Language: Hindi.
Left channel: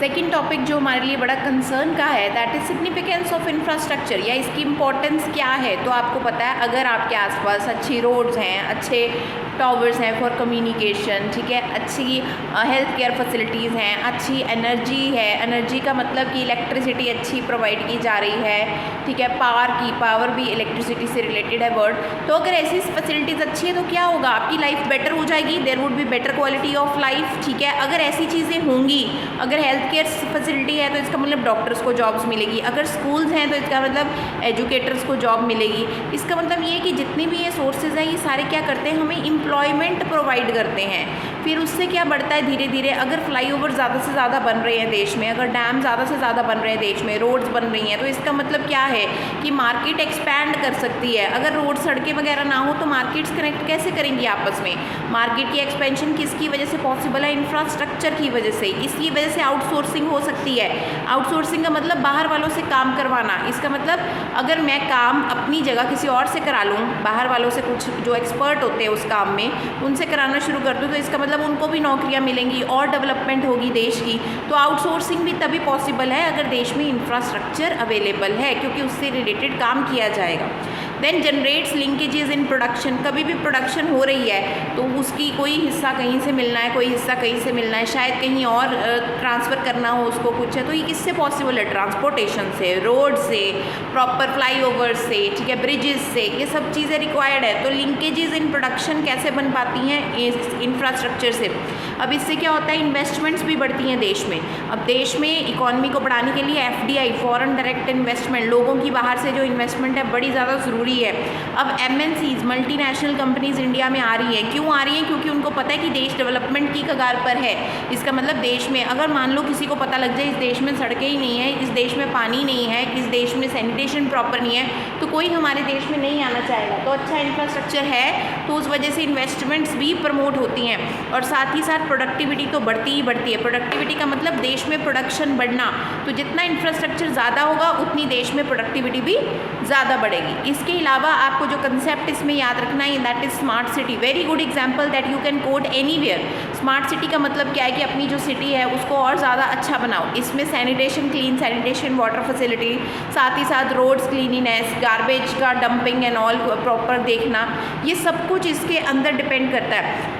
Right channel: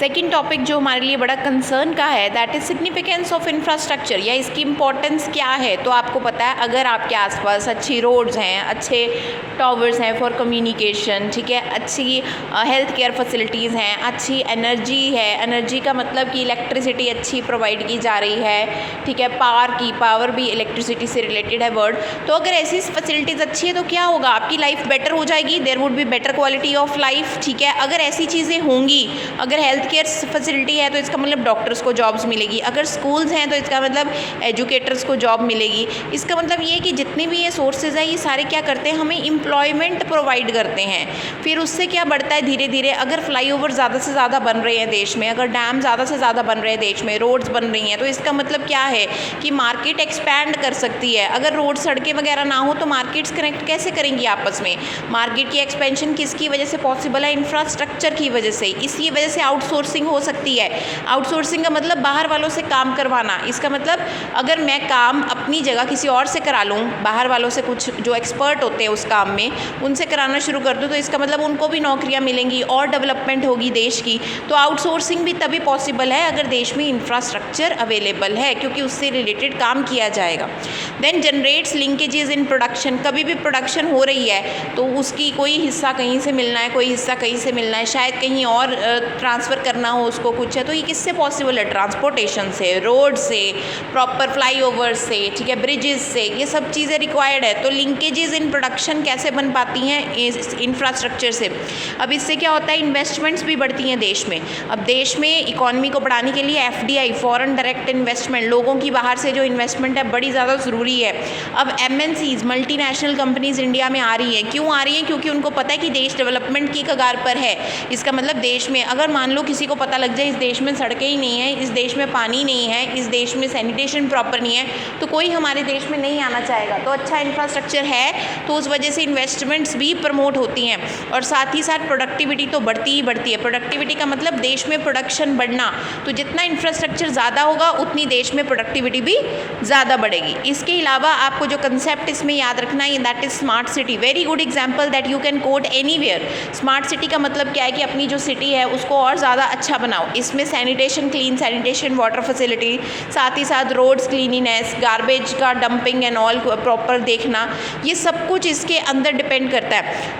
सेकंड टॉपिक जो हमारे लिए बड़ा कंसर्न का है that is significance of infrastructure, या इसकी इम्पोर्टेंस क्या है। तो आपको पता है अगर आपके आसपास अच्छी रोड्स हैं, अच्छे टावर्स हैं फॉर कम्युनिकेशन, ठीक है, अच्छी हेल्थ केयर फैसिलिटीज़ हैं, अच्छी एनर्जी है, एनर्जी का मतलब कि इलेक्ट्रिसिटी अच्छी प्रोवाइड की जा रही है, ठीक है, पावर भी इलेक्ट्रिसिटी से रिलेटेड है वर्ड। तो अगर ऐसी फैसिलिटीज़ अच्छी है तो क्या होगा, आपकी लाइफ बेटर हो जाएगी, there would be better quality of life, ठीक है। अगर ऐसी चीज़ें होंगी, अगर हेल्थ केयर फैसिलिटी है तो इसका मतलब डॉक्टर्स को जॉब्स मिलेगी, अगर स्कूल्स हैं तो इसका मतलब एजुकेटर्स को जॉब मिलेगी। इसका मतलब ये है कि जितने भी ये सोर्सेज हैं ये सारे क्या करते हैं, हमें एम्प्लॉयमेंट प्रोवाइड करते हैं। फिर उससे क्या बढ़ता है धीरे धीरे, अगर फ्लाईओवर ज़्यादा से ज़्यादा बन रहे हैं देश में, अगर डैम ज़्यादा से ज़्यादा बन रहे हैं देश में, रोड्स बन रही हैं, तो इसका मतलब क्या है कि मार्केट एक्सपैंड कर सकती है। अगर रोड सड़कें वगैरह ना हो तो मार्केट्स कनेक्ट कैसे करेंगी आपस में। मार्केट की एक्सपेंशन किसकी वजह से पॉसिबल है, इंफ्रास्ट्रक्चर की वजह से। इसी वजह से आउटसोर्सिंग हो सकती है। आउटसोर्सिंग का मतलब बाहर वालों से काम करवाना। इसका मतलब अगर मैं काम अपनी जगह किसी और से करा लूँ, बाहर वालों से, कुछ जो एक्सपर्ट होते हैं उस काम में, उनसे कराना शुरू कर दूँ, तो इसका मतलब उनको भी नौकरियाँ मिलेंगी और डेवलपमेंट होगी देश की। तो आउटसोर्सिंग भी तभी पॉसिबल है अगर देश में इंफ्रास्ट्रक्चर अवेलेबल है, क्योंकि उससे रिलेटेड काम किया जाएगा। Then generates linkages in production. कभी भी प्रोडक्शन हो रही है तो उसकी कोई हिस्सा कहीं से मिलना है, कोई हिस्सा कहीं से मिलना है, शायद कहीं और ट्रांसफ़र करना हो उसको कुछ है, तो ये किससे पॉसिबल है, ट्रांसपोर्टेशन से, रोड से, प्रॉपर फ्लाईओवर से, ठीक है, ब्रिजेस से, ये सब चीज़ें रिक्वायर्ड है। तो लिंकेजेस इन प्रोडक्शन कैसे बन पाती हैं, इस इंफ्रास्ट्रक्चर से। अब इससे क्या होता है, इन्वेस्टमेंट्स भी बढ़ती हैं देश में। अब देश में इकॉनमी को बढ़ाने के लिए FDI, फॉरेन डायरेक्ट इन्वेस्टमेंट, लोगों की बाहर से जो इन्वेस्टमेंट है बड़ी ज़्यादा ज़रूरी है। अब MNCs, मल्टीनेशनल कंपनीज इंडिया में आ रही हैं। क्यों आ रही हैं, क्योंकि उनको पता है कि देश डेवलपमेंट की कगार पर है। इसका मतलब देश में अगर मान लो किसी को पता लग जाए इस देश में सड़कें ही नहीं है, इस देश में पानी नहीं है, इस देश में सैनिटेशन प्रॉपर नहीं है, तो कोई हमारे देश में नहीं आना चाहेगा। तो अच्छा इंफ्रास्ट्रक्चर है तो उस वजह से इन्वेस्टमेंट्स भी प्रमोट होती हैं, और साथ ही साथ प्रोडक्टिविटी तो बढ़ती ही बढ़ती है। प्रोडक्टिविटी का मतलब देश में प्रोडक्शन बढ़ना। तो जितना इंफ्रास्ट्रक्चर ज़्यादा होगा उतनी देश में प्रोडक्टिविटी भी ज़्यादा बढ़ेगी। इसके अलावा आपको जो कंसेप्ट इसमें याद रखना है that is smart city. Very good example that you can coat anywhere. Smart city का मतलब क्या है कि अपनी जो सिटी है उसको और ज़्यादा अच्छा बनाओ। इसमें sanitation, clean sanitation, water facility, साथ ही साथ रोड्स क्लीनिनेस, गार्बेज का डंपिंग एंड ऑल प्रॉपर देखना, ये सब कुछ इसके अंदर डिपेंड करता है।